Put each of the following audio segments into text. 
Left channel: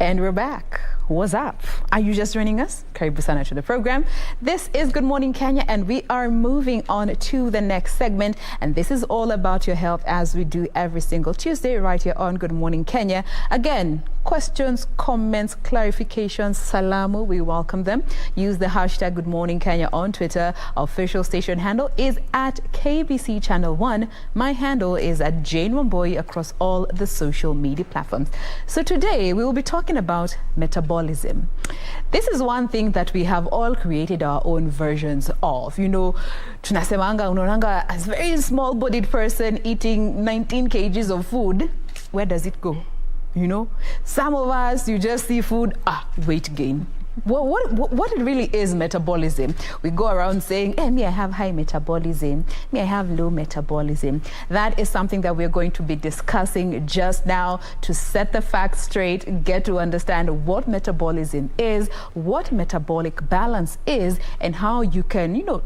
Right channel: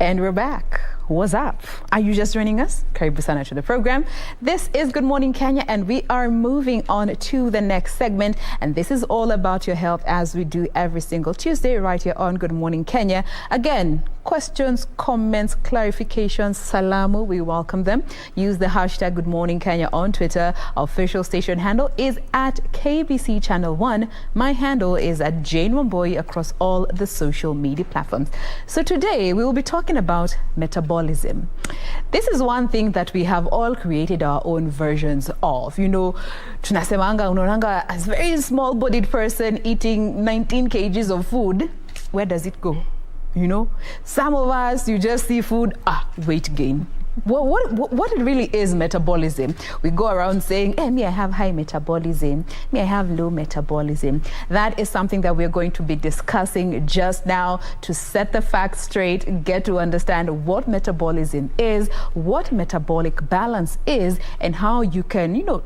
And we're back. What's up? Are you just joining us? Karibu sana to the program. This is Good Morning Kenya, and we are moving on to the next segment. And this is all about your health, as we do every single Tuesday right here on Good Morning Kenya. Again, questions, comments, clarifications, salamu, we welcome them. Use the hashtag Good Morning Kenya on Twitter. Our official station handle is at KBC Channel 1. My handle is at Jain Wambui across all the social media platforms. So today we will be talking about metabolism. This is one thing that we have all created our own versions of. You know, tunasemanga unaonanga as a very small-bodied person eating 19 kgs of food. Where does it go? You know, some of us, you just see food, weight gain. What it really is metabolism. We go around saying, hey, me, I have high metabolism. Me, I have low metabolism. That is something that we're going to be discussing just now to set the facts straight, get to understand what metabolism is, what metabolic balance is, and how you can, you know,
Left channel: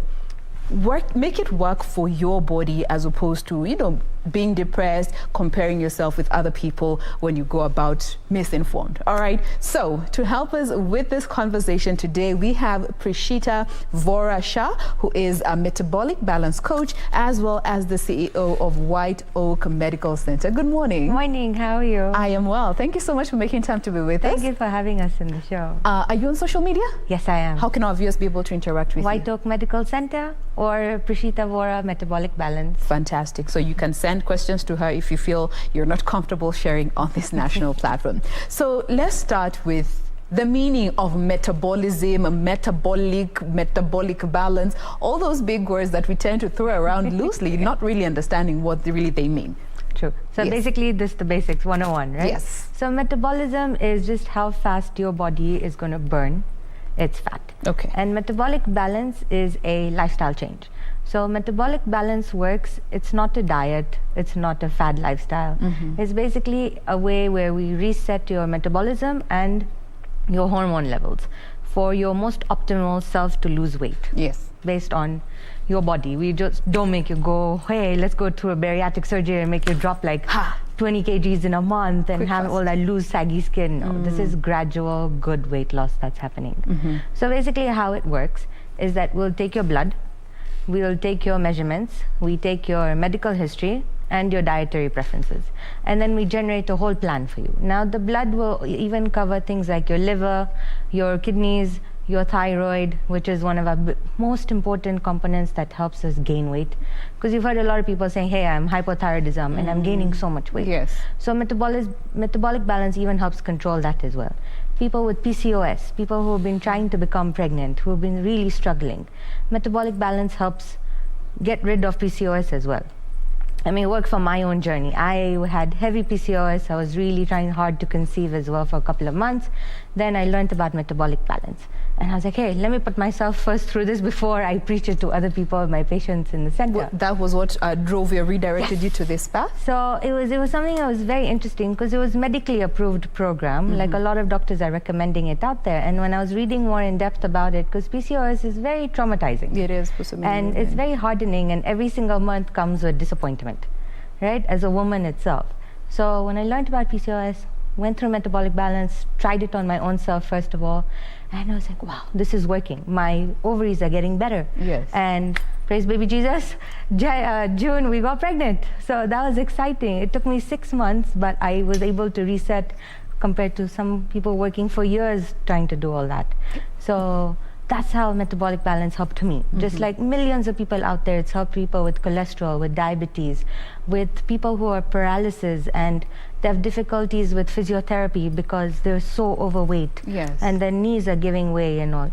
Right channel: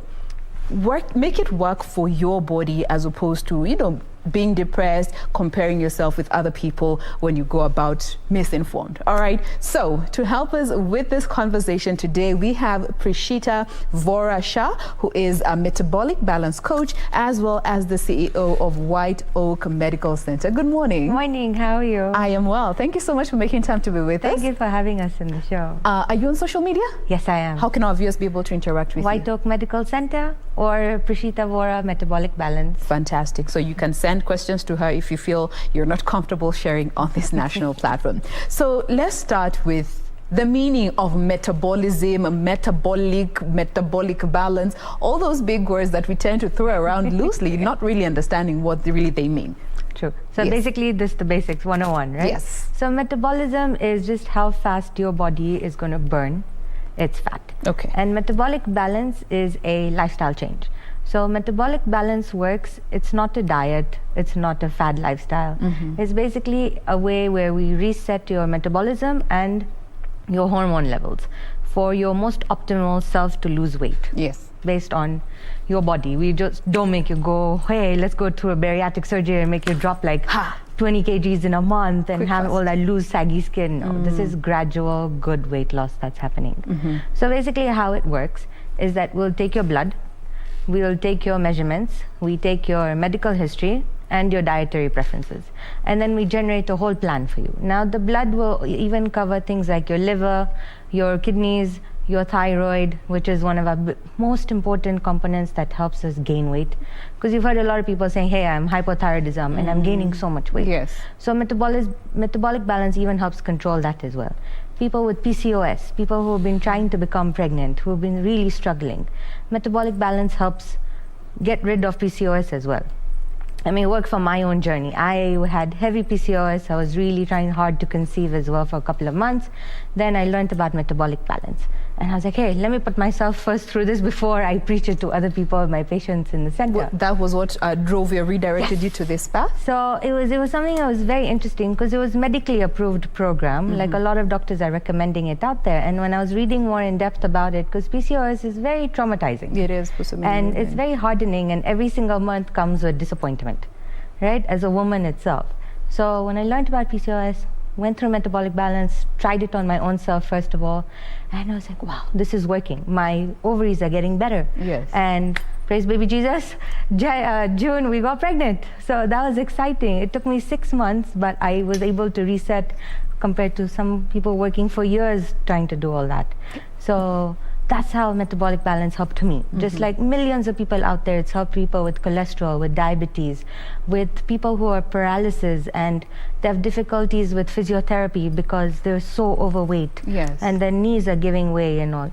make it work for your body as opposed to, you know, being depressed, comparing yourself with other people when you go about misinformed. All right. So to help us with this conversation today, we have Prishita Vora Shah, who is a metabolic balance coach, as well as the CEO of White Oak Medical Center. Good morning. Morning. How are you? I am well. Thank you so much for making time to be with us. Thank you for having us in the show. Are you on social media? Yes, I am. How can our viewers be able to interact with White Oak Medical Center or Prishita Vora Metabolic Balance. Fantastic. So you can send questions to her if you feel you're not comfortable sharing on this national platform. So let's start with the meaning of metabolism, metabolic balance, all those big words that we tend to throw around loosely, not really understanding what really they mean. True. So yes. Basically this is the basics 101, right? Yes. So metabolism is just how fast your body is going to burn its fat. Okay. And metabolic balance is a lifestyle change. So metabolic balance works, it's not a diet, it's not a fad lifestyle. It's basically a way where we reset your metabolism and your hormone levels for your most optimal self to lose weight. Yes. Based on your body. We just don't make you go, hey, let's go through a bariatric surgery and make you drop like 20 kgs in a month and have all that loose, saggy skin. No, this is gradual, good weight loss that's happening. So basically how it works is that we'll take your blood, we'll take your measurements, we take your medical history and your dietary preferences, and then we generate a whole plan for you. Now the blood will even cover things like your liver, your kidneys, your thyroid, which is one of our most important components that helps us gain weight. Because you've heard a lot of people saying, hey, I'm hypothyroidism and I'm gaining so much weight. Yes. So metabolic balance even helps control that as well. People with PCOS, people who have been trying to become pregnant, who have been really struggling. Metabolic balance helps get rid of PCOS as well. I mean, work from my own journey. I had heavy PCOS. I was really trying hard to conceive as well for a couple of months. Then I learned about metabolic balance. And I was like, hey, let me put myself first through this before I preach it to other people, my patients in the center. Well, that was what drove you, redirected you to this path? So it was something that was very interesting because it was medically approved program. Like a lot of doctors are recommending it out there. And when I was reading more in depth about it, because PCOS is very traumatizing. It is. And it's very hardening, and every single month comes with disappointment, right, as a woman itself. So when I learned about PCOS, went through metabolic balance, tried it on my own self first of all, and I was like, wow, this is working. My ovaries are getting better. Yes. And praise baby Jesus, June we got pregnant. So that was exciting. It took me 6 months, but I was able to reset compared to some people working for years trying to do all that. So that's how metabolic balance helped me. Just like millions of people out there, it's helped people with cholesterol, with diabetes, with people who are paralysis and they have difficulties with physiotherapy because they're so overweight. Yes. And their knees are giving way and all.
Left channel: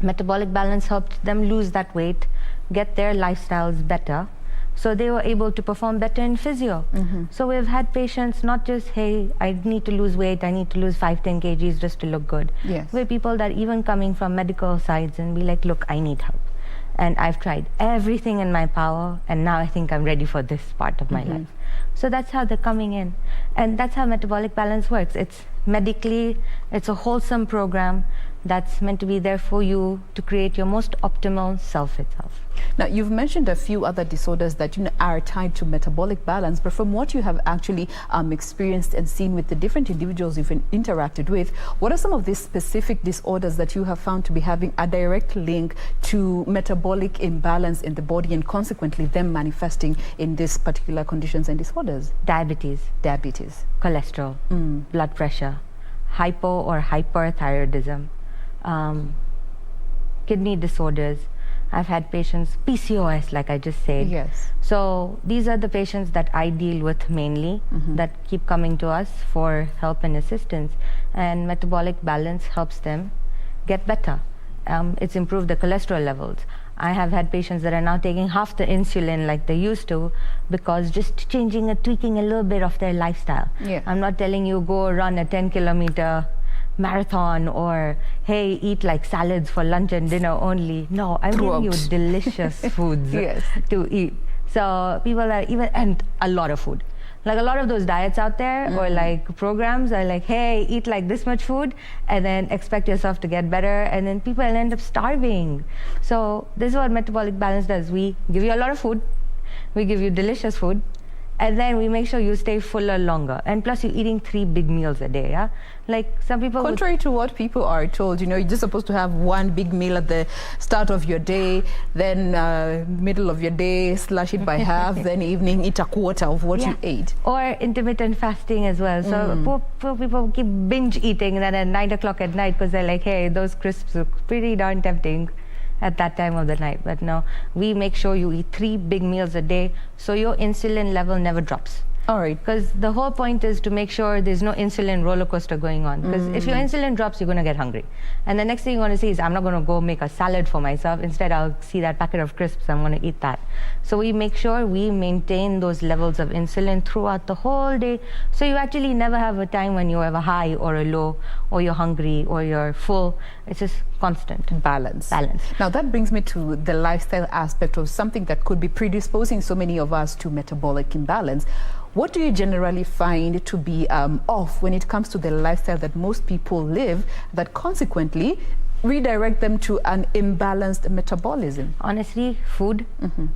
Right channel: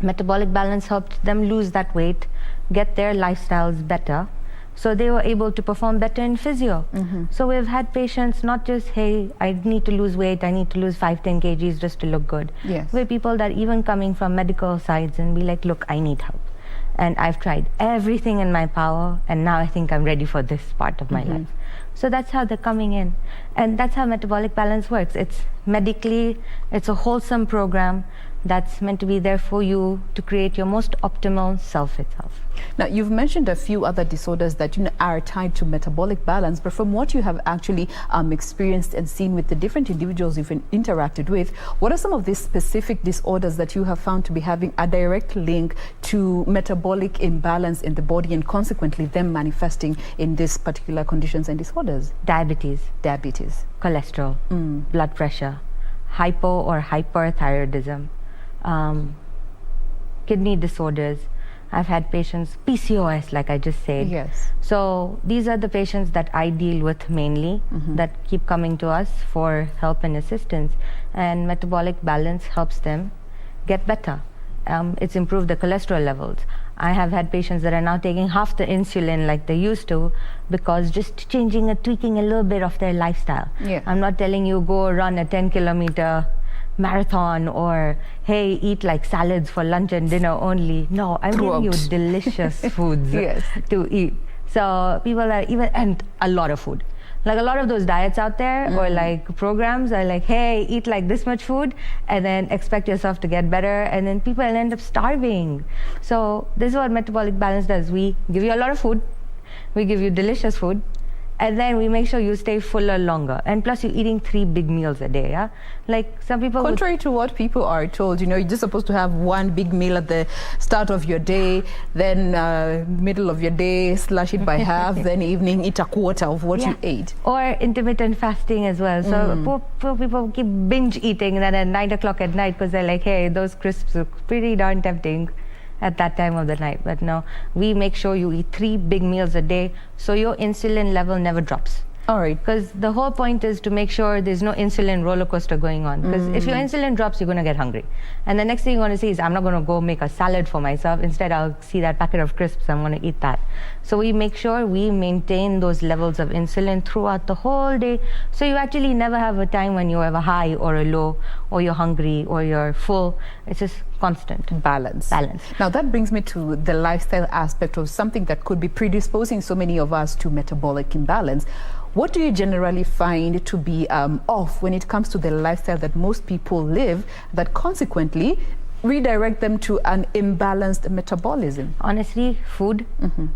Metabolic balance helped them lose that weight, get their lifestyles better, so they were able to perform better in physio. So we've had patients not just, hey, I need to lose weight, I need to lose 5-10 kgs just to look good. Yes. We have people that even coming from medical sides and be like, look, I need help. And I've tried everything in my power, and now I think I'm ready for this part of my life. So that's how they're coming in. And that's how metabolic balance works. It's medically, it's a wholesome program that's meant to be there for you to create your most optimal self itself. Now, you've mentioned a few other disorders that are tied to metabolic balance, but from what you have actually experienced and seen with the different individuals you've interacted with, what are some of these specific disorders that you have found to be having a direct link to metabolic imbalance in the body and consequently them manifesting in these particular conditions and disorders? Diabetes, cholesterol, blood pressure, hypo or hyperthyroidism, kidney disorders. I've had patients, PCOS, like I just said. Yes. So these are the patients that I deal with mainly, that keep coming to us for help and assistance. And metabolic balance helps them get better. It's improved the cholesterol levels. I have had patients that are now taking half the insulin like they used to because just changing and tweaking a little bit of their lifestyle. Yeah. I'm not telling you go run a 10-kilometer marathon or hey, eat like salads for lunch and dinner only. No, I'm giving you delicious foods to eat. So people are and a lot of food. Like a lot of those diets out there or like programs are like, hey, eat like this much food and then expect yourself to get better, and then people end up starving. So this is what metabolic balance does. We give you a lot of food, we give you delicious food, and then we make sure you stay fuller longer. And plus you're eating 3 big meals a day, yeah? Like some people... Contrary to what people are told, you're just supposed to have 1 big meal at the start of your day, then middle of your day, slash it by half, then evening, eat a quarter of what you ate. Or intermittent fasting as well. So poor people keep binge eating and then at 9 o'clock at night because they're like, hey, those crisps look pretty darn tempting at that time of the night. But no, we make sure you eat 3 big meals a day so your insulin level never drops. All right. Because the whole point is to make sure there's no insulin roller coaster going on. Because if your insulin drops, you're going to get hungry. And the next thing you want to see is, I'm not going to go make a salad for myself. Instead, I'll see that packet of crisps, I'm going to eat that. So we make sure we maintain those levels of insulin throughout the whole day. So you actually never have a time when you have a high or a low, or you're hungry, or you're full. It's just constant. Balance. Now that brings me to the lifestyle aspect of something that could be predisposing so many of us to metabolic imbalance. What do you generally find to be off when it comes to the lifestyle that most people live that consequently redirect them to an imbalanced metabolism? Honestly, food,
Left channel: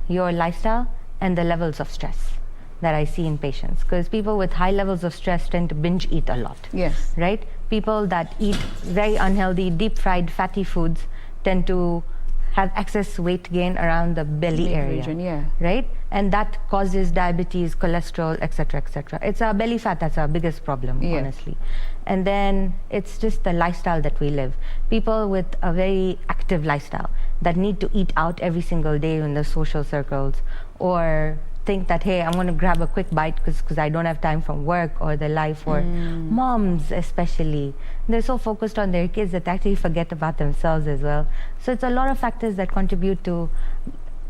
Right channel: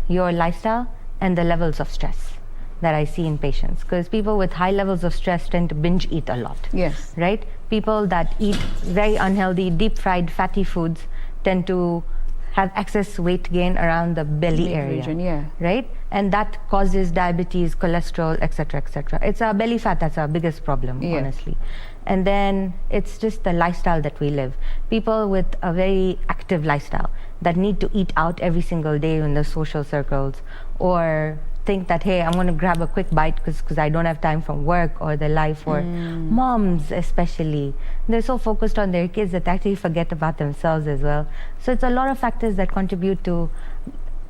your lifestyle, and the levels of stress that I see in patients. Because people with high levels of stress tend to binge eat a lot. Yes. Right? People that eat very unhealthy, deep-fried, fatty foods tend to have excess weight gain around the belly area. Region, right? And that causes diabetes, cholesterol, etc., etc. It's our belly fat that's our biggest problem, honestly. And then it's just the lifestyle that we live. People with a very active lifestyle that need to eat out every single day in the social circles, or think that, hey, I'm going to grab a quick bite because I don't have time from work or their life, or moms especially. They're so focused on their kids that they actually forget about themselves as well. So it's a lot of factors that contribute to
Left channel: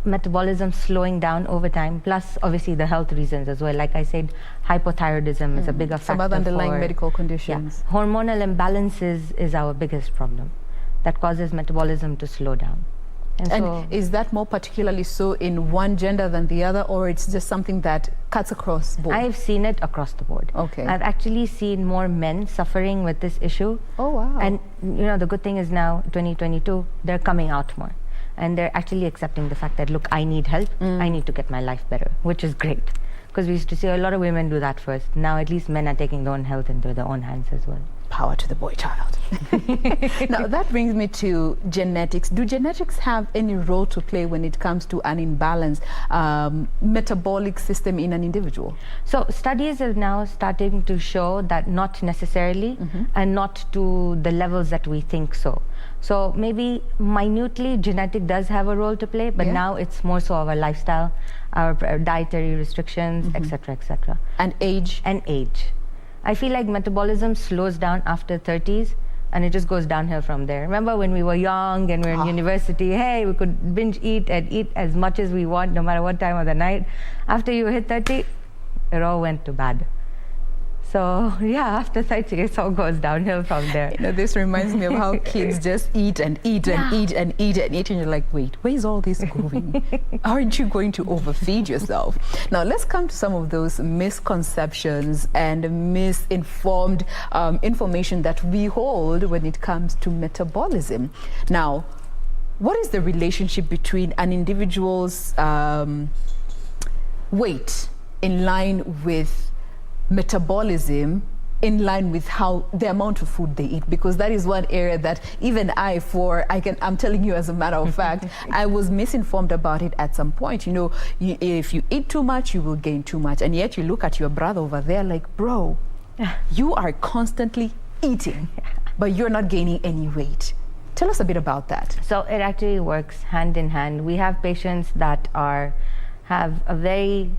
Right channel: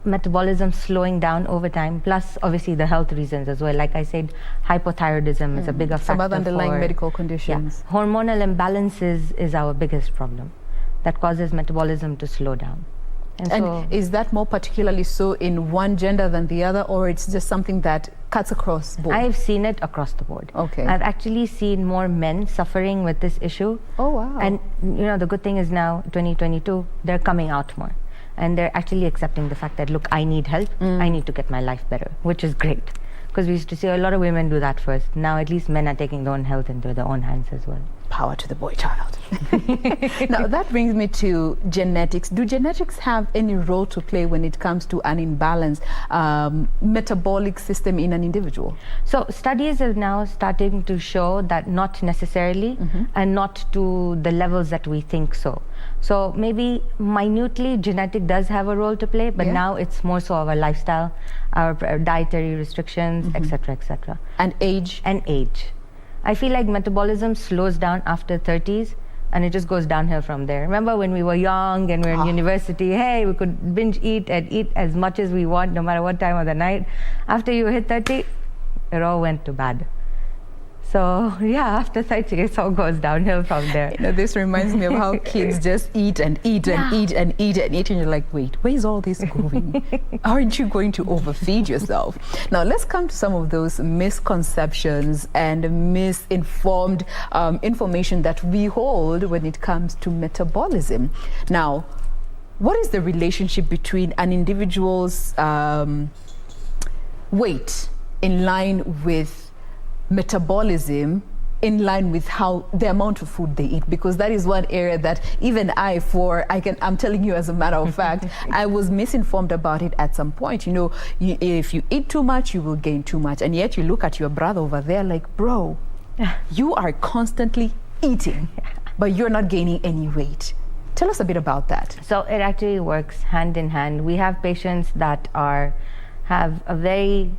metabolism slowing down over time, plus obviously the health reasons as well. Like I said, hypothyroidism is a bigger factor. Some other underlying medical conditions. Yeah. Hormonal imbalances is our biggest problem that causes metabolism to slow down. And so, is that more particularly so in one gender than the other, or it's just something that cuts across board? I've seen it across the board. Okay. I've actually seen more men suffering with this issue. Oh, wow. And the good thing is now, 2022, they're coming out more. And they're actually accepting the fact that, look, I need help. I need to get my life better, which is great. Because we used to see a lot of women do that first. Now at least men are taking their own health into their own hands as well. Power to the boy child. Now that brings me to genetics. Do genetics have any role to play when it comes to an imbalanced metabolic system in an individual? So studies are now starting to show that not necessarily, and not to the levels that we think so. So maybe minutely genetic does have a role to play, but now it's more so our lifestyle, our dietary restrictions, etc., etc. And age? And age. I feel like metabolism slows down after 30s and it just goes downhill from there. Remember when we were young and we were in university, hey, we could binge eat and eat as much as we want no matter what time of the night. After you hit 30, it all went to bad. So yeah, after 30, it all goes downhill from there. This reminds me of how kids just eat and eat and eat and eat and eat, and you're like, wait, where's all this going? Aren't you going to overfeed yourself? Now let's come to some of those misconceptions and misinformed information that we hold when it comes to metabolism. Now, what is the relationship between an individual's weight in line with metabolism, in line with how the amount of food they eat? Because that is one area that even I'm telling you as a matter of fact, I was misinformed about it at some point. You know, if you eat too much, you will gain too much. And yet you look at your brother over there like, bro, you are constantly eating, but you're not gaining any weight. Tell us a bit about that. So it actually works hand in hand. We have patients that have a very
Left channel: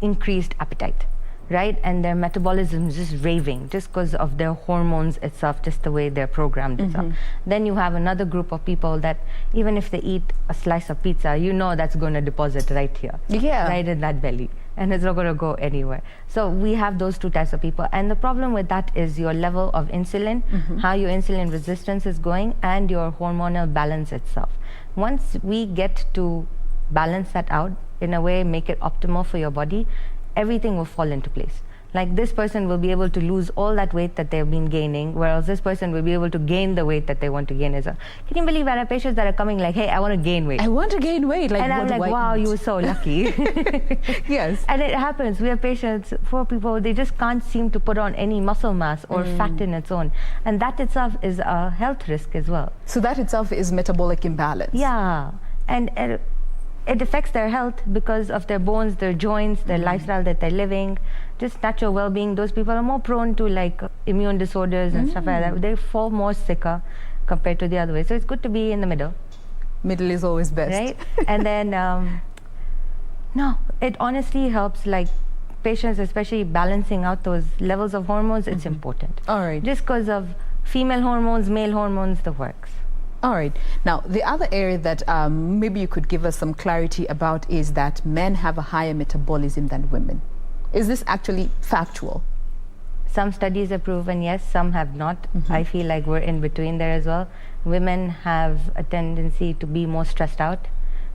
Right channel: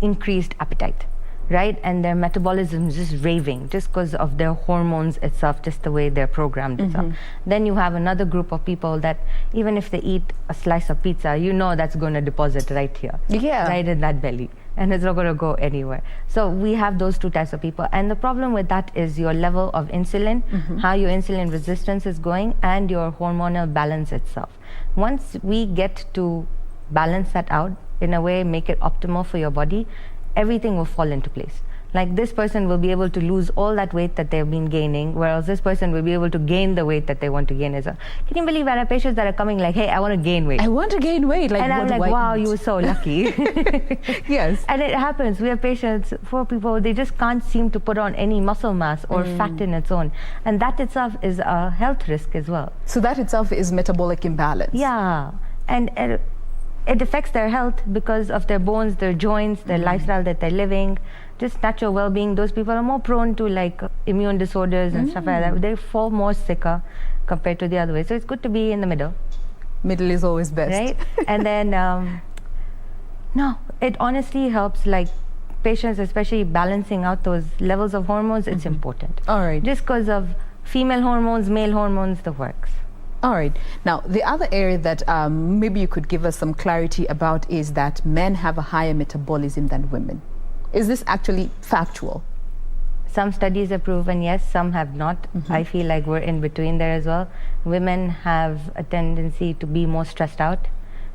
increased appetite, right? And their metabolism is just raving just because of their hormones itself, just the way they're programmed itself. Then you have another group of people that even if they eat a slice of pizza, you know that's going to deposit right here, right in that belly, and it's not going to go anywhere. So we have those two types of people. And the problem with that is your level of insulin, how your insulin resistance is going, and your hormonal balance itself. Once we get to balance that out in a way, make it optimal for your body, everything will fall into place. Like this person will be able to lose all that weight that they've been gaining, whereas this person will be able to gain the weight that they want to gain as well. Can you believe I have patients that are coming like, hey, I want to gain weight. I want to gain weight. Like, and I'm like, wow, you were so lucky. Yes. And it happens. We have patients, for people, they just can't seem to put on any muscle mass or fat in its own. And that itself is a health risk as well. So that itself is metabolic imbalance. Yeah. And it affects their health because of their bones, their joints, their lifestyle that they're living, just natural well-being. Those people are more prone to like immune disorders and stuff like that. They fall more sicker compared to the other way. So it's good to be in the middle. Middle is always best. Right? And then, no, it honestly helps like patients, especially balancing out those levels of hormones. It's important. All right. Just because of female hormones, male hormones, the works. All right. Now, the other area that maybe you could give us some clarity about is that men have a higher metabolism than women. Is this actually factual? Some studies have proven yes, some have not. I feel like we're in between there as well. Women have a tendency to be more stressed out,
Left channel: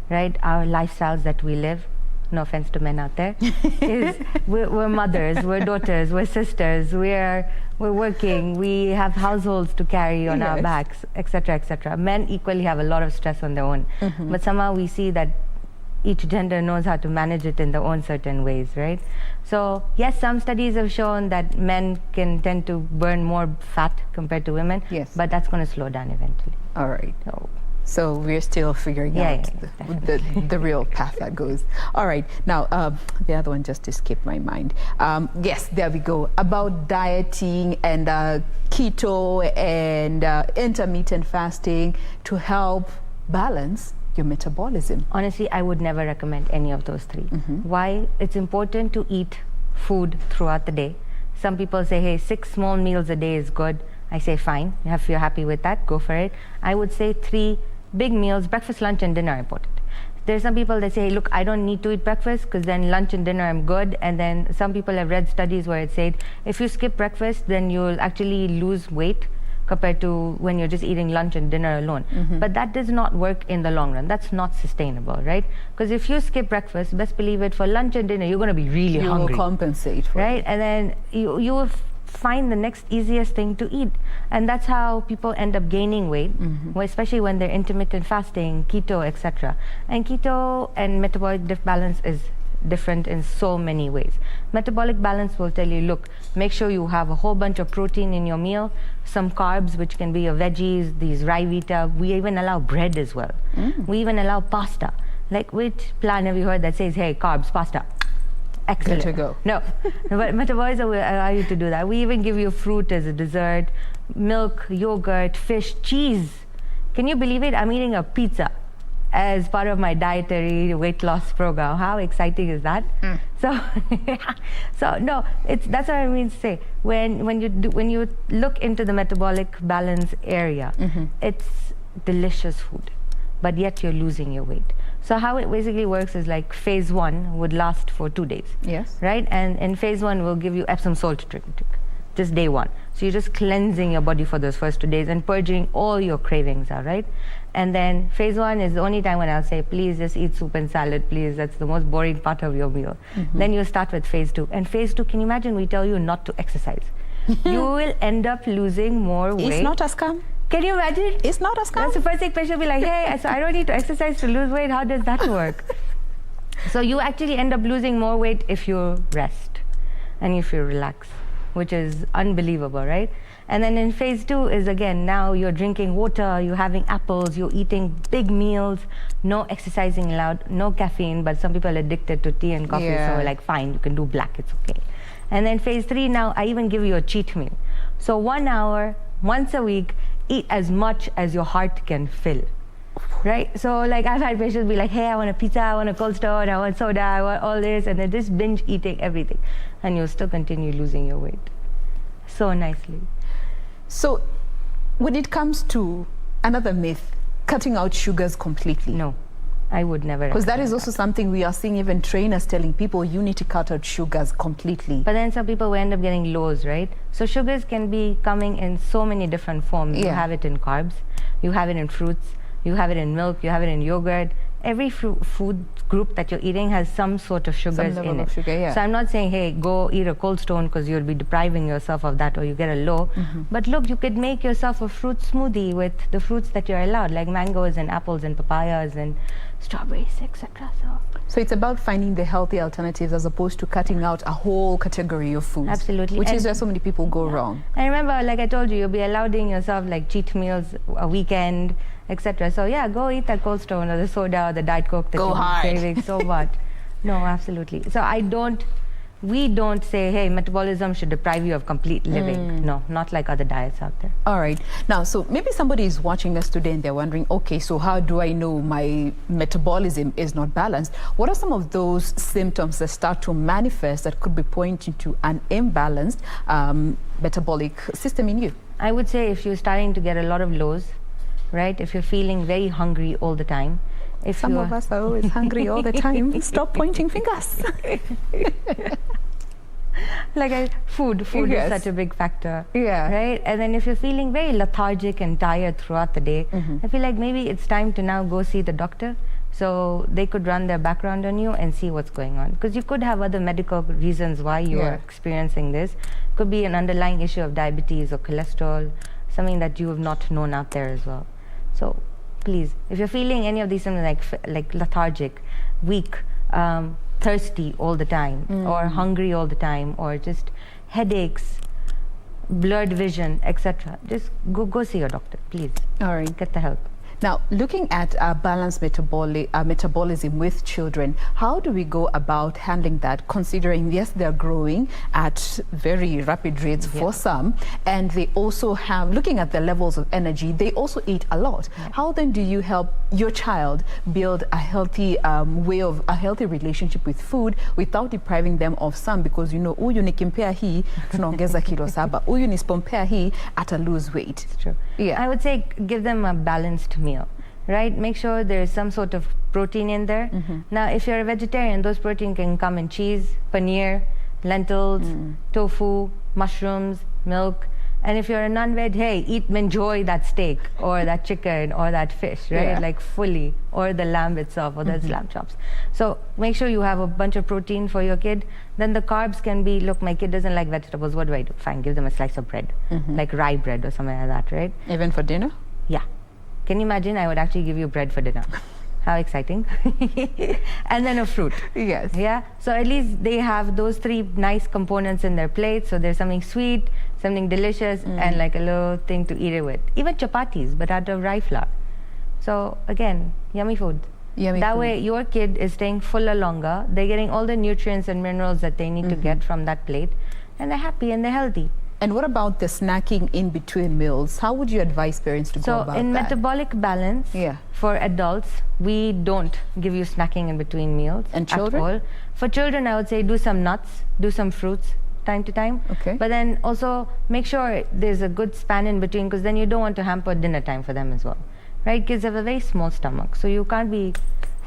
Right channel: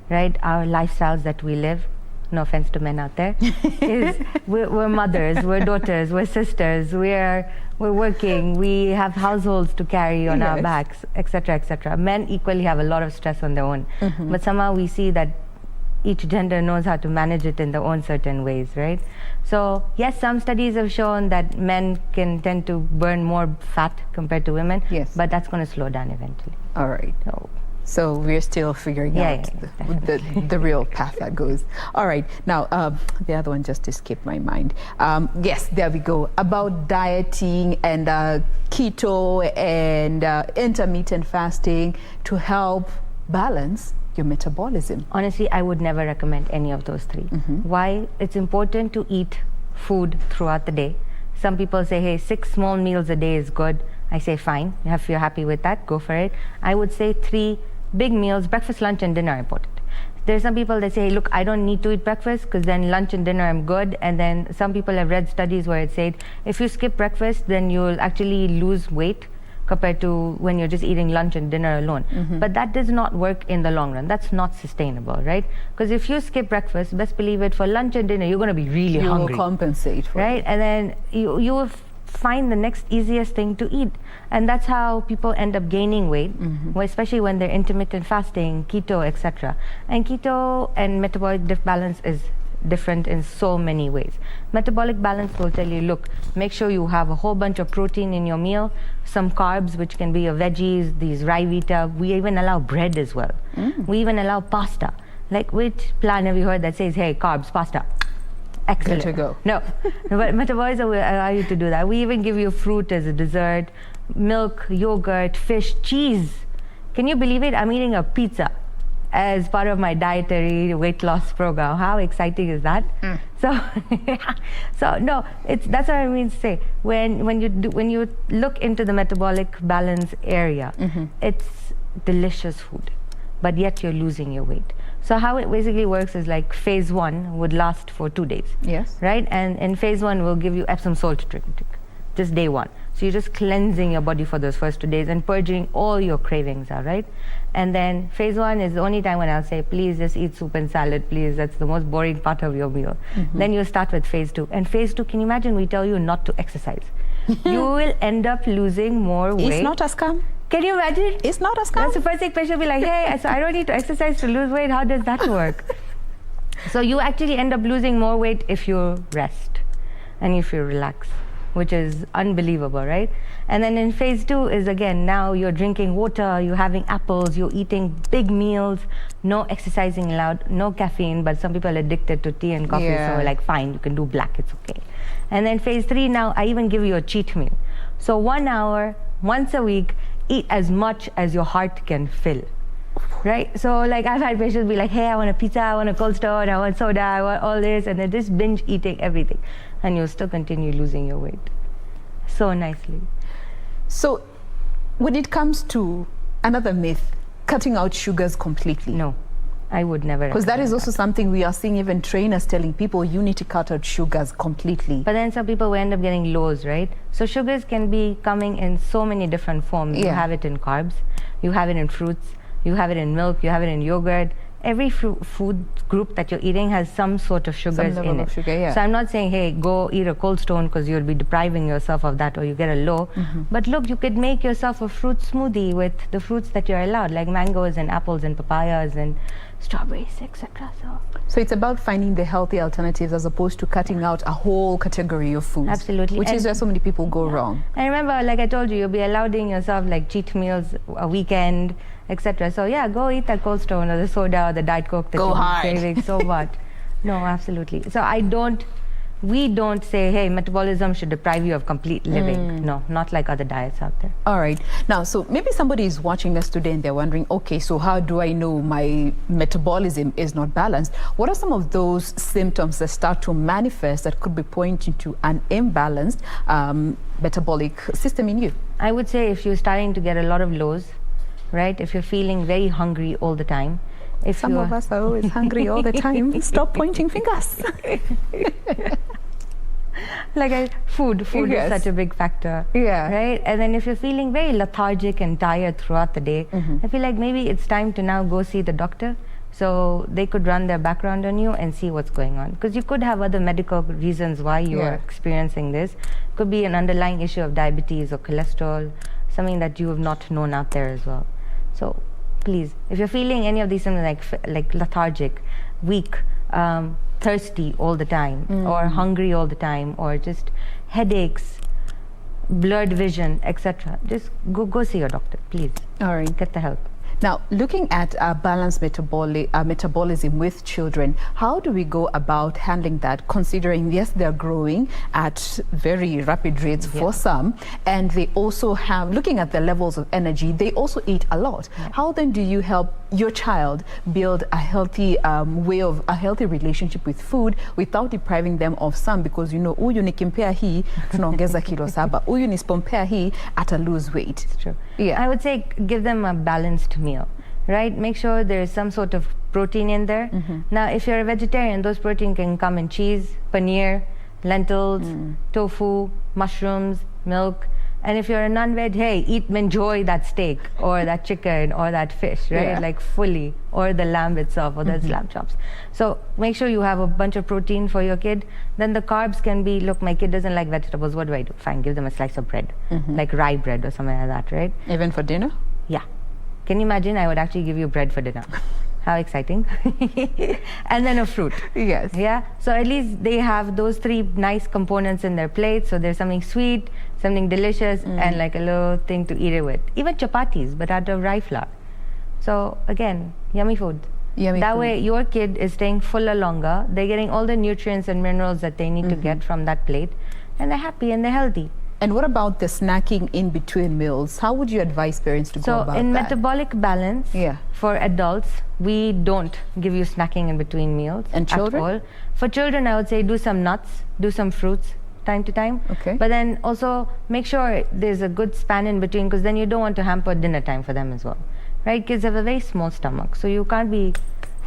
right? Our lifestyles that we live, no offense to men out there, is we're mothers, we're daughters, we're sisters, we're working, we have households to carry on our backs, etc., etc. Men equally have a lot of stress on their own, but somehow we see that each gender knows how to manage it in their own certain ways, right? So yes, some studies have shown that men can tend to burn more fat compared to women, but that's going to slow down eventually. All right. So we're still figuring out the real path that goes. All right. Now, the other one just escaped my mind. Yes, there we go. About dieting and keto and intermittent fasting to help balance your metabolism. Honestly, I would never recommend any of those three. Why? It's important to eat food throughout the day. Some people say, hey, 6 small meals a day is good. I say, fine. If you're happy with that, go for it. I would say 3 big meals, breakfast, lunch, and dinner are important. There's some people that say, hey, look, I don't need to eat breakfast because then lunch and dinner I'm good. And then some people have read studies where it said, if you skip breakfast, then you'll actually lose weight compared to when you're just eating lunch and dinner alone. But that does not work in the long run. That's not sustainable, right? Because if you skip breakfast, best believe it, for lunch and dinner, you're going to be really hungry. You will compensate for it. it. And then you will find the next easiest thing to eat. And that's how people end up gaining weight, especially when they're intermittent fasting, keto, etc. And keto and metabolic balance is different in so many ways. Metabolic balance will tell you, look, make sure you have a whole bunch of protein in your meal, some carbs, which can be your veggies, these rye vita. We even allow bread as well. We even allow pasta. Like, which plan have you heard that says, hey, carbs, pasta? Excellent. Good to go. No, but metabolism will allow you to do that. We even give you fruit as a dessert, milk, yogurt, fish, cheese. Can you believe it? I'm eating a pizza as part of my dietary weight loss program. How exciting is that? So no, that's what I mean to say. When you look into the metabolic balance area, it's delicious food, but yet you're losing your weight. So how it basically works is like phase 1 would last for 2 days. Yes. Right? And in phase 1, we'll give you Epsom salt drink, just day 1. So you're just cleansing your body for those first 2 days and purging all your cravings out, right? And then phase 1 is the only time when I'll say, please just eat soup and salad, please. That's the most boring part of your meal. Then you'll start with phase 2. And phase 2, can you imagine we tell you not to exercise? You will end up losing more weight. It's not a scam? Can you imagine? It's not a scam. That's the first thing patient will be like, hey, so I don't need to exercise to lose weight. How does that work? So you actually end up losing more weight if you rest and if you relax, which is unbelievable, right? And then in phase 2 is, again, now you're drinking water, you're having apples, you're eating big meals, no exercising allowed, no caffeine, but some people are addicted to tea and coffee, so we're like, fine, you can do black, it's okay. And then phase 3, now I even give you a cheat meal. So 1 hour, once a week, eat as much as your heart can fill. Right? So like I've had patients be like, hey, I want a pizza, I want a Cold Stone, I want soda, I want all this, and then just binge eating everything. And you'll still continue losing your weight so nicely. So when it comes to another myth, cutting out sugars completely. No, I would never. Because that is also something we are seeing even trainers telling people, you need to cut out sugars completely. But then some people will end up getting lows, right? So sugars can be coming in so many different forms. You have it in carbs, you have it in fruits, you have it in milk, you have it in yogurt. Every food group that you're eating has some sort of sugars in it. So I'm not saying, hey, go eat a Cold Stone because you'll be depriving yourself of that or you get a low. But look, you could make yourself a fruit smoothie with the fruits that you're allowed, like mangoes and apples and papayas and strawberries, etc. So it's about finding the healthy alternatives as opposed to cutting out a whole category of foods. Absolutely. Which is where so many people go wrong. And remember, like I told you, you'll be allowing yourself like cheat meals a weekend, etc. So yeah, go eat that Cold Stone or the soda or the Diet Coke that you're craving so much. No, absolutely. So we don't say, hey, metabolism should deprive you of complete living. No, not like other diets out there. All right. Now, so maybe somebody is watching us today and they're wondering, okay, so how do I know my metabolism is not balanced? What are some of those symptoms that start to manifest that could be pointing to an imbalanced metabolic system in you? I would say if you're starting to get a lot of lows, right? If you're feeling very hungry all the time. Some of us are always hungry all the time. Stop pointing fingers. Food is such a big factor, right? And then if you're feeling very lethargic and tired throughout the day, I feel like maybe it's time to now go see the doctor so they could run their background on you and see what's going on. Because you could have other medical reasons why you are experiencing this. Could be an underlying issue of diabetes or cholesterol, something that you have not known out there as well. So please, if you're feeling any of these symptoms like lethargic, weak, thirsty all the time, or hungry all the time, or just headaches, blurred vision, etc., just go see your doctor, please. All right. Get the help. Now, looking at balanced metabolism with children, how do we go about handling that, considering, yes, they're growing at very rapid rates for some, and they also have, looking at the levels of energy, they also eat a lot. How then do you help your child build a healthy a healthy relationship with food without depriving them of some? Because, you know, huyu nikimpea hii, tunaongeza kilo 7. Huyu nisipompea hii, ata lose weight. It's true. I would say give them a balanced meal, right? Make sure there's some sort of protein in there. Now, if you're a vegetarian, those protein can come in cheese, paneer, lentils, tofu, mushrooms, milk. And if you're a non-veg, hey, enjoy that steak or that chicken or that fish, right? Like fully, or the lamb itself or the lamb chops. So make sure you have a bunch of protein for your kid. Then the carbs can be, look, my kid doesn't like vegetables. What do I do? Fine, give them a slice of bread, like rye bread or something like that, right? Even for dinner? Yeah. Can you imagine? I would actually give you bread for dinner. How exciting. And then a fruit. Yes. Yeah. So at least they have those 3 nice components in their plate. So there's something sweet, something delicious, and like a little thing to eat it with. Even chapatis, but out of rye flour. So again, yummy food. That way your kid is staying fuller longer. They're getting all the nutrients and minerals that they need to get from that plate. And they're happy and they're healthy. And what about the snacking in between meals? How would you advise parents to go about that? So in Metabolic Balance, for adults, we don't give you snacking in between meals. And children? At all. For children, I would say do some nuts, do some fruits time to time. Okay. But then also make sure there's a good span in between, because then you don't want to hamper dinner time for them as well. Right? Kids have a very small stomach, so you can't be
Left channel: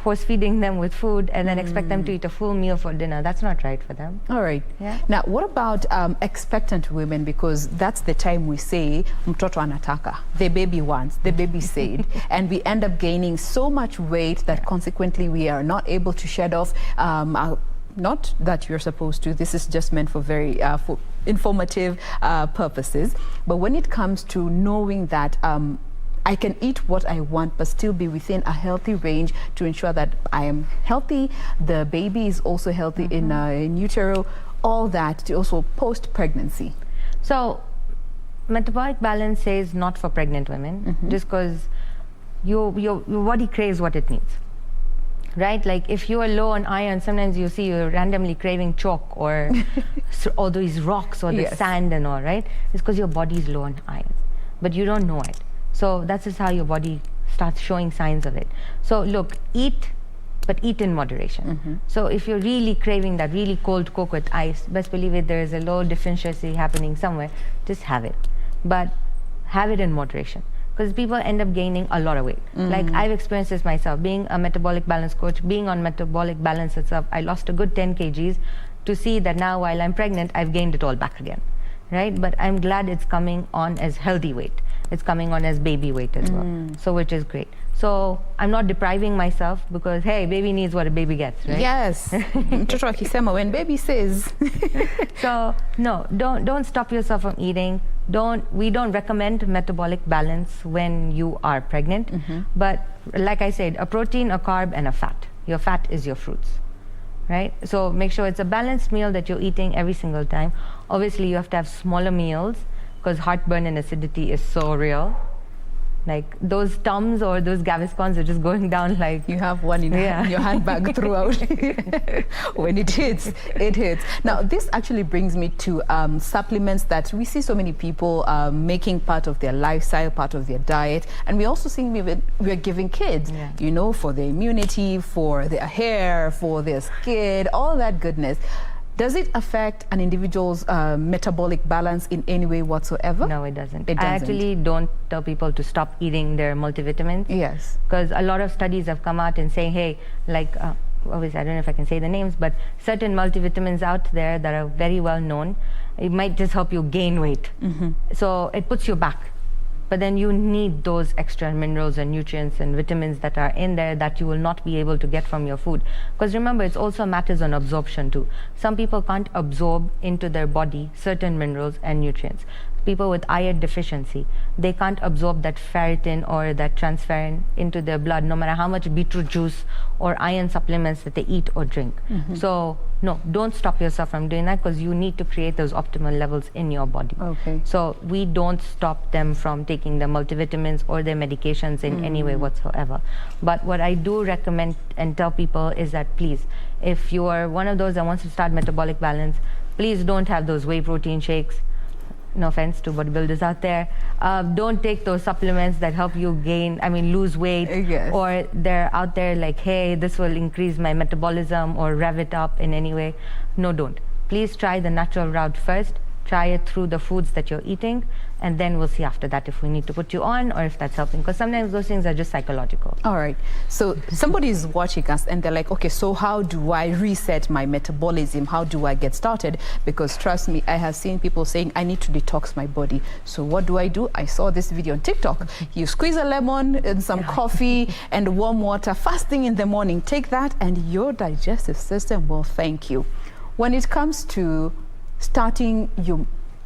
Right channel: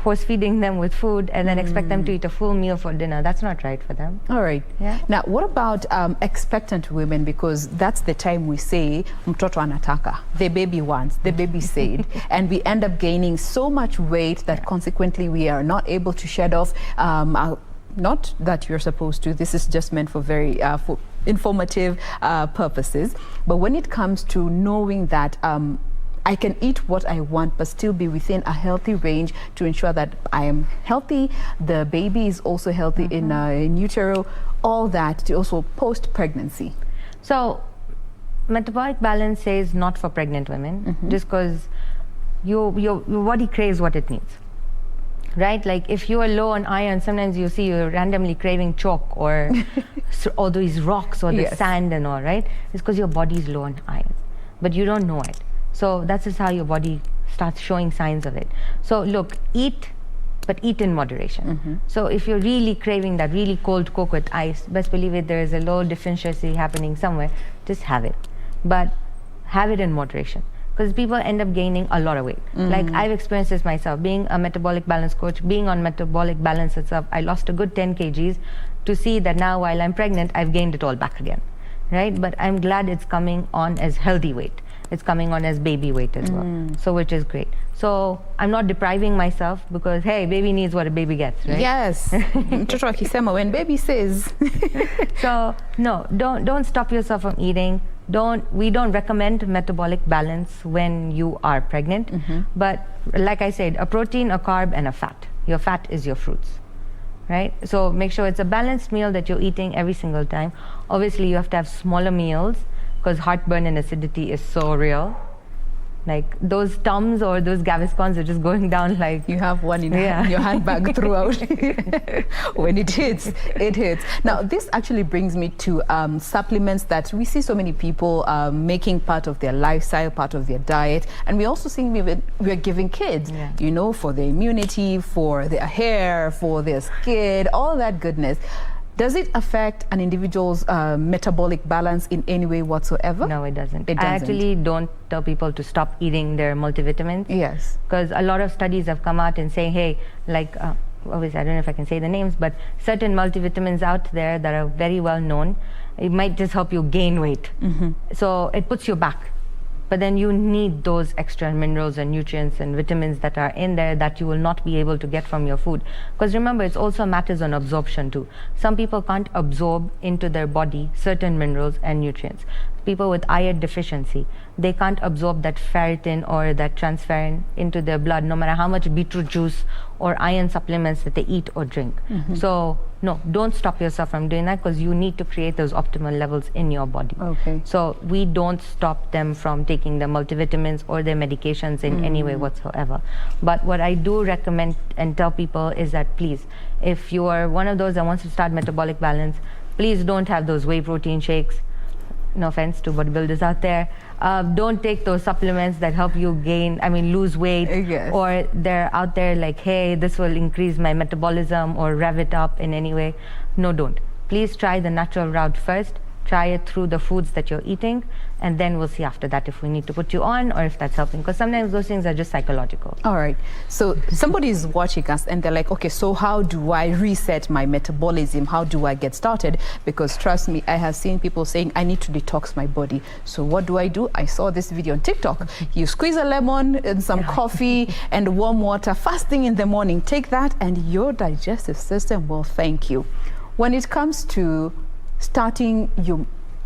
force feeding them with food and then expect them to eat a full meal for dinner. That's not right for them. All right. Yeah. Now, what about expectant women? Because that's the time we say, mtoto anataka, the baby wants, the baby said, and we end up gaining so much weight that consequently we are not able to shed off not that you're supposed to. This is just meant for very for informative purposes. But when it comes to knowing that I can eat what I want, but still be within a healthy range to ensure that I am healthy, the baby is also healthy in utero, all that, to also post-pregnancy. So, metabolic balance says not for pregnant women, just because your body craves what it needs, right? Like if you are low on iron, sometimes you see you're randomly craving chalk or all these rocks or the sand and all, right? It's because your body is low on iron, but you don't know it. So that's just how your body starts showing signs of it. So look, eat, but eat in moderation. So if you're really craving that really cold Coke with ice, best believe it, there is a low deficiency happening somewhere, just have it. But have it in moderation, because people end up gaining a lot of weight. Like I've experienced this myself, being a metabolic balance coach, being on metabolic balance itself, I lost a good 10 kgs to see that now while I'm pregnant, I've gained it all back again, right? But I'm glad it's coming on as healthy weight. It's coming on as baby weight as well, so which is great. So I'm not depriving myself, because hey, baby needs what a baby gets, right? Yes. Mtoto akisema when baby says. So no, don't stop yourself from eating. We don't recommend metabolic balance when you are pregnant, but like I said, a protein, a carb, and a fat. Your fat is your fruits, right? So make sure it's a balanced meal that you're eating every single time. Obviously, you have to have smaller meals, because heartburn and acidity is so real. Like those Tums or those Gaviscons are just going down like... You have one in your handbag throughout. When it hits, it hits. Now, this actually brings me to supplements that we see so many people making part of their lifestyle, part of their diet. And we also see we're giving kids, you know, for their immunity, for their hair, for their skin, all that goodness. Does it affect an individual's metabolic balance in any way whatsoever? No, it doesn't. It doesn't. I actually don't tell people to stop eating their multivitamins. Yes. Because a lot of studies have come out and saying, hey, like, obviously I don't know if I can say the names, but certain multivitamins out there that are very well known, it might just help you gain weight. So it puts you back. But then you need those extra minerals and nutrients and vitamins that are in there that you will not be able to get from your food. Because remember, it also matters on absorption too. Some people can't absorb into their body certain minerals and nutrients. People with iron deficiency, they can't absorb that ferritin or that transferrin into their blood, no matter how much beetroot juice or iron supplements that they eat or drink. So no, don't stop yourself from doing that, because you need to create those optimal levels in your body. Okay. So we don't stop them from taking their multivitamins or their medications in any way whatsoever. But what I do recommend and tell people is that, please, if you are one of those that wants to start metabolic balance, please don't have those whey protein shakes. No offense to bodybuilders out there. Don't take those supplements that help you lose weight. Yes. Or they're out there like, hey, this will increase my metabolism or rev it up in any way. No, don't. Please try the natural route first. Try it through the foods that you're eating, and then we'll see after that if we need to put you on or if that's helping, because sometimes those things are just psychological. All right. So somebody is watching us and they're like, okay, so how do I reset my metabolism? How do I get started? Because trust me, I have seen people saying, I need to detox my body. So what do? I saw this video on TikTok. You squeeze a lemon and some coffee and warm water, fasting in the morning. Take that and your digestive system will thank you. When it comes to starting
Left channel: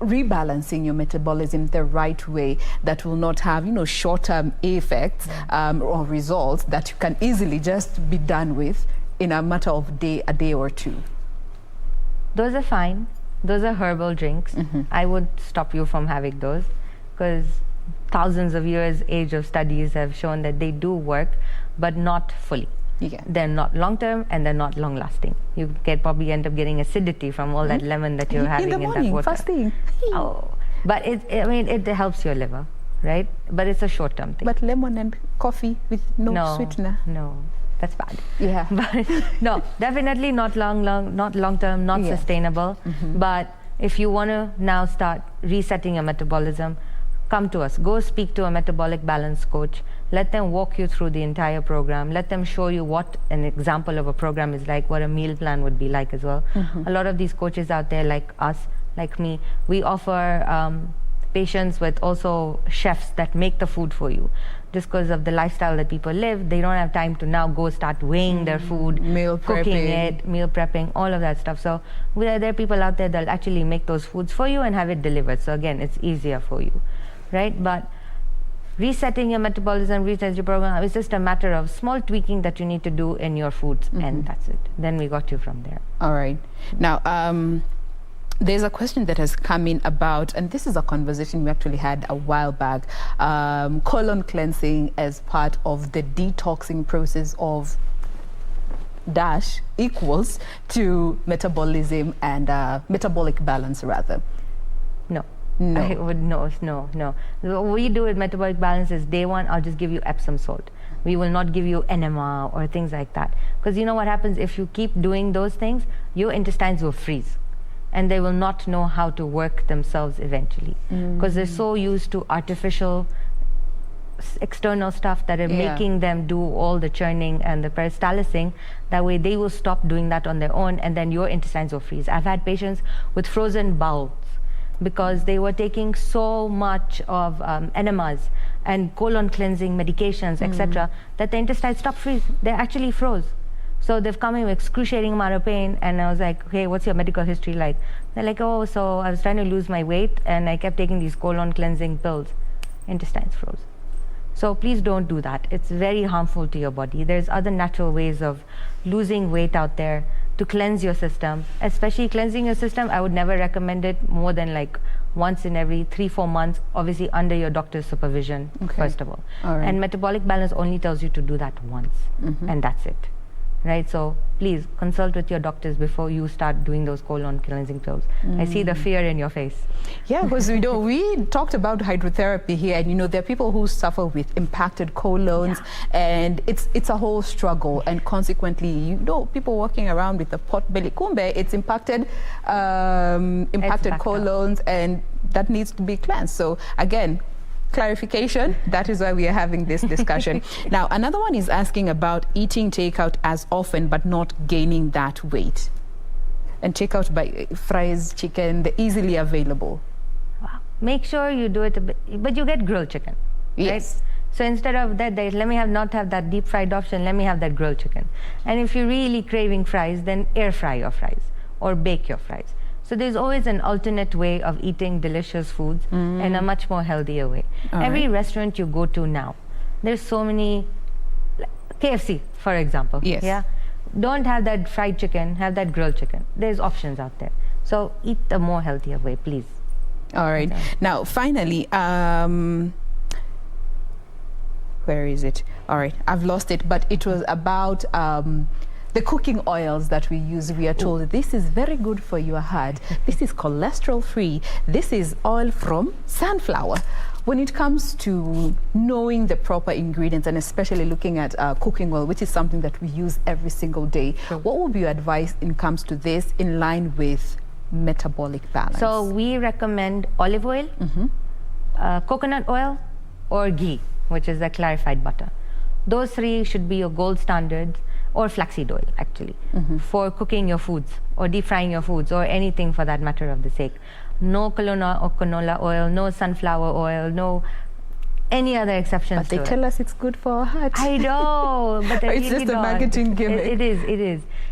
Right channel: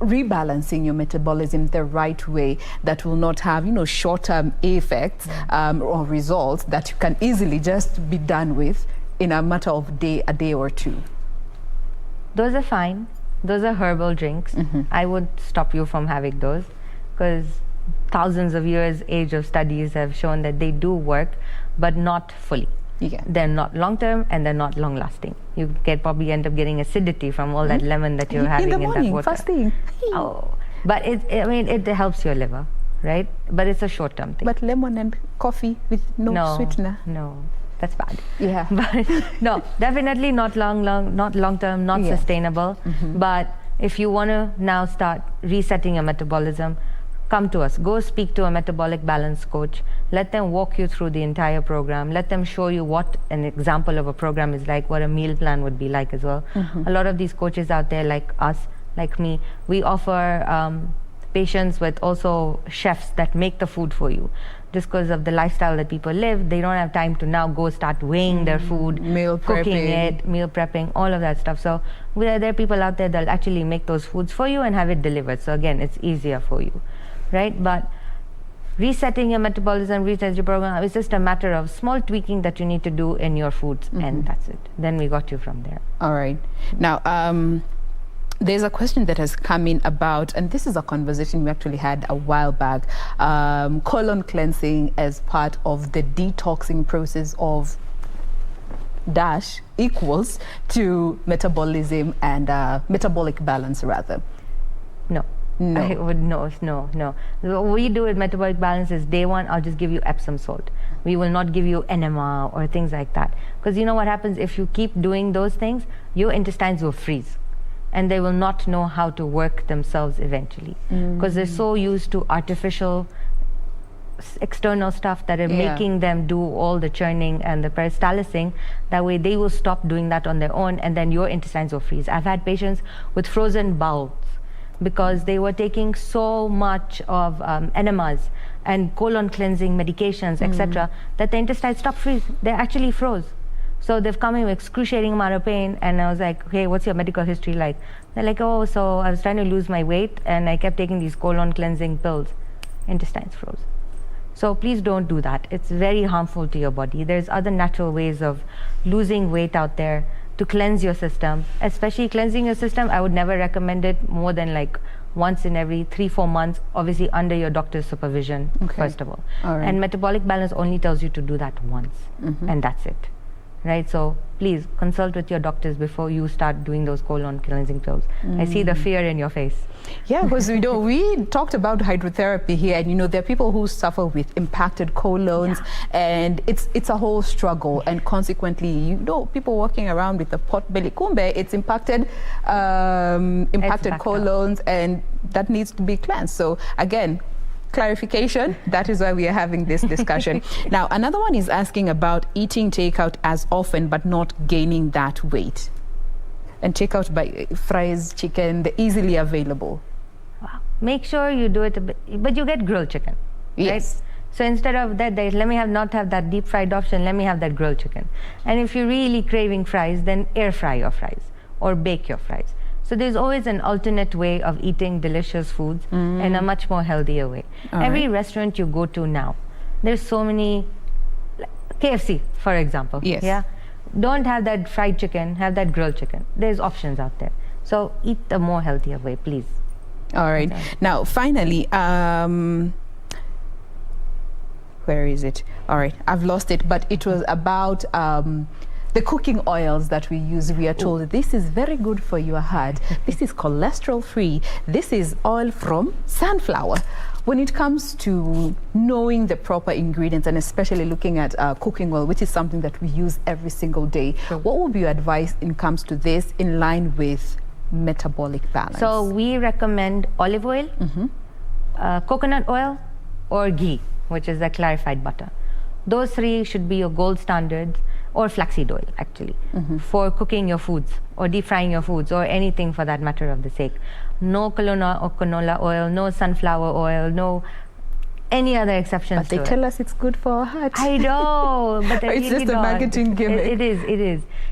rebalancing your metabolism the right way, that will not have, you know, short-term effects or results that you can easily just be done with in a matter of a day or two. Those are fine. Those are herbal drinks. I would stop you from having those, because thousands of years age of studies have shown that they do work, but not fully. They're not long-term and they're not long-lasting. You probably end up getting acidity from all that lemon that you're having in that water. Fasting. Oh, but it helps your liver, right? But it's a short-term thing. But lemon and coffee with no sweetener. No, that's bad. Yeah. But no, definitely not long-term, not sustainable. But if you want to now start resetting your metabolism, come to us. Go speak to a metabolic balance coach. Let them walk you through the entire program. Let them show you what an example of a program is like, what a meal plan would be like as well. A lot of these coaches out there, like us, like me, we offer patients with also chefs that make the food for you. Just because of the lifestyle that people live, they don't have time to now go start weighing their food, cooking it, meal prepping, all of that stuff. So there are people out there that actually make those foods for you and have it delivered. So again, it's easier for you, right? But resetting your metabolism, resetting your program, it's just a matter of small tweaking that you need to do in your foods, and that's it. Then we got you from there. All right. Now, there's a question that has come in about, and this is a conversation we actually had a while back, colon cleansing as part of the detoxing process of dash equals to metabolism and metabolic balance rather. No. No. I would no. What we do with metabolic balance is day one, I'll just give you Epsom salt. We will not give you enema or things like that. Because you know what happens if you keep doing those things, your intestines will freeze. And they will not know how to work themselves eventually. Because they're so used to artificial external stuff that are making them do all the churning and the peristalsing. That way they will stop doing that on their own, and then your intestines will freeze. I've had patients with frozen bowels because they were taking so much of enemas and colon cleansing medications, etc., that the intestines stopped freezing. They actually froze. So they've come in with excruciating amount of pain, and I was like, hey, what's your medical history like? They're like, oh, so I was trying to lose my weight, and I kept taking these colon cleansing pills. Intestines froze. So please don't do that. It's very harmful to your body. There's other natural ways of losing weight out there to cleanse your system. Especially cleansing your system, I would never recommend it more than like once in every 3-4 months, obviously under your doctor's supervision, first of all. Right. And metabolic balance only tells you to do that once, and that's it. Right, so please consult with your doctors before you start doing those colon cleansing pills. I see the fear in your face. Yeah, because we talked about hydrotherapy here, and there are people who suffer with impacted colons, and it's a whole struggle, and consequently, people walking around with a pot belly, kumbe, it's impacted colons, and that needs to be cleansed. So again, clarification, that is why we are having this discussion. Now, another one is asking about eating takeout as often but not gaining that weight. And takeout by fries, chicken, they're easily available. Wow. Make sure you do it a bit, but you get grilled chicken. Yes. Right? So instead of that, let me not have that deep fried option, let me have that grilled chicken. And if you're really craving fries, then air fry your fries or bake your fries. So there's always an alternate way of eating delicious foods in a much more healthier way. Every restaurant you go to now, there's so many, KFC, for example. Yes. Yeah. Don't have that fried chicken, have that grilled chicken. There's options out there. So eat the more healthier way, please. All right. Now, finally, where is it? All right, I've lost it, but it was about the cooking oils that we use. We are told this is very good for your heart. This is cholesterol free. This is oil from sunflower. When it comes to knowing the proper ingredients, and especially looking at cooking oil, which is something that we use every single day, what would be your advice in comes to this in line with metabolic balance? So we recommend olive oil, coconut oil, or ghee, which is the clarified butter. Those three should be your gold standards, or flaxseed oil actually, for cooking your foods or deep frying your foods or anything for that matter of the sake. No canola oil, no sunflower oil, no any other exceptions. But they tell us it's good for our heart. I know, but it's just a marketing gimmick.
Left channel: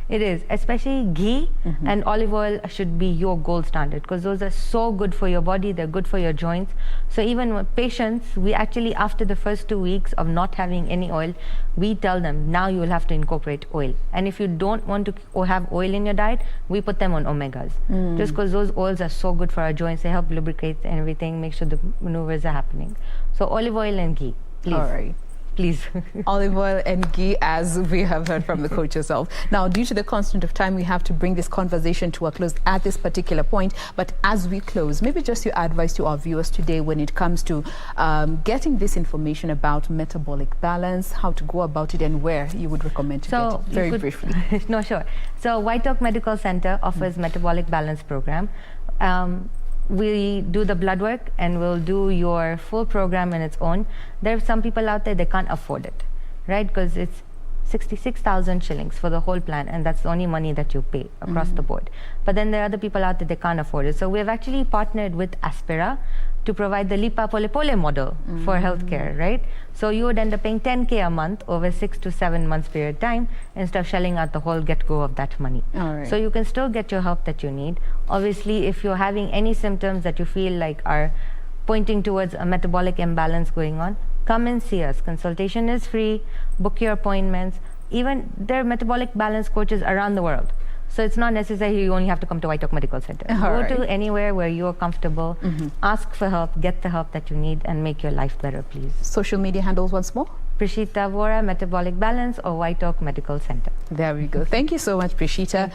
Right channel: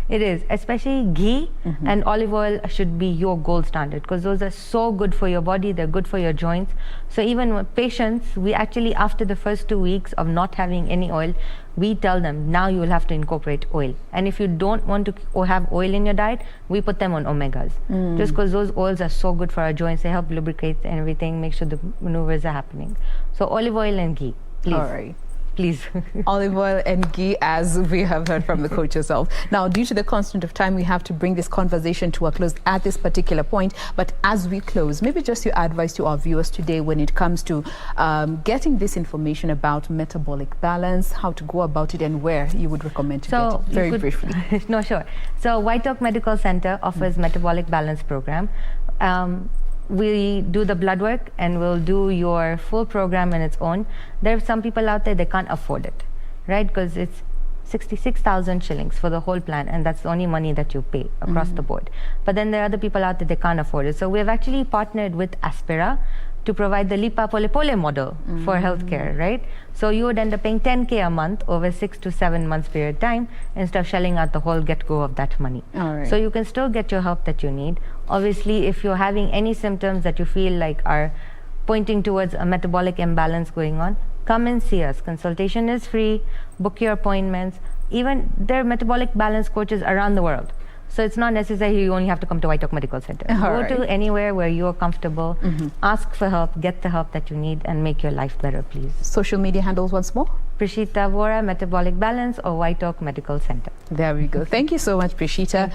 It is. Especially ghee and olive oil should be your gold standard, because those are so good for your body. They're good for your joints. So even with patients, we actually, after the first 2 weeks of not having any oil, we tell them, now you will have to incorporate oil. And if you don't want to have oil in your diet, we put them on omegas. Just because those oils are so good for our joints. They help lubricate and everything, make sure the maneuvers are happening. So olive oil and ghee, please. All right. Please. Olive oil and ghee, as we have heard from the coach herself. Now, due to the constraint of time, we have to bring this conversation to a close at this particular point. But as we close, maybe just your advice to our viewers today when it comes to getting this information about metabolic balance, how to go about it, and where you would recommend to get it, very briefly. No, sure. So White Oak Medical Center offers Metabolic Balance program. We do the blood work and we'll do your full program in its own. There are some people out there, they can't afford it, right? Because it's 66,000 shillings for the whole plan, and that's the only money that you pay across the board. But then there are other people out there, they can't afford it. So we've actually partnered with Aspira to provide the Lipa Pole Pole model for healthcare, right? So you would end up paying 10K a month over 6 to 7 months period of time instead of shelling out the whole get-go of that money. All right. So you can still get your help that you need. Obviously, if you're having any symptoms that you feel like are pointing towards a metabolic imbalance going on, come and see us. Consultation is free. Book your appointments. Even there are metabolic balance coaches around the world. So it's not necessary you only have to come to White Oak Medical Center. Go to anywhere where you're comfortable, ask for help, get the help that you need, and make your life better, please. Social media handles once more? Prishita, Vora, Metabolic Balance, or White Oak Medical Center. There we go. Thank you so much, Prishita.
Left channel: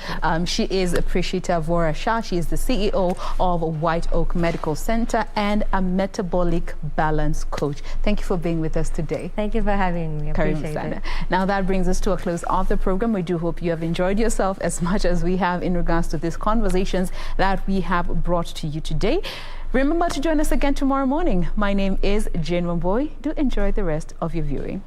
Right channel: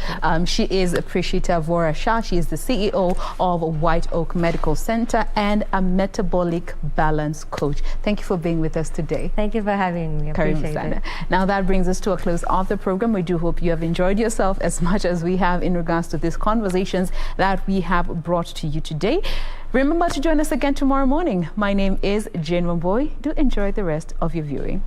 She is Prishita Vora Shah. She is the CEO of White Oak Medical Center and a metabolic balance coach. Thank you for being with us today. Thank you for having me. Appreciate it. Now that brings us to a close of the program. We do hope you have enjoyed yourself as much as we have in regards to these conversations that we have brought to you today. Remember to join us again tomorrow morning. My name is Jain Wambui. Do enjoy the rest of your viewing.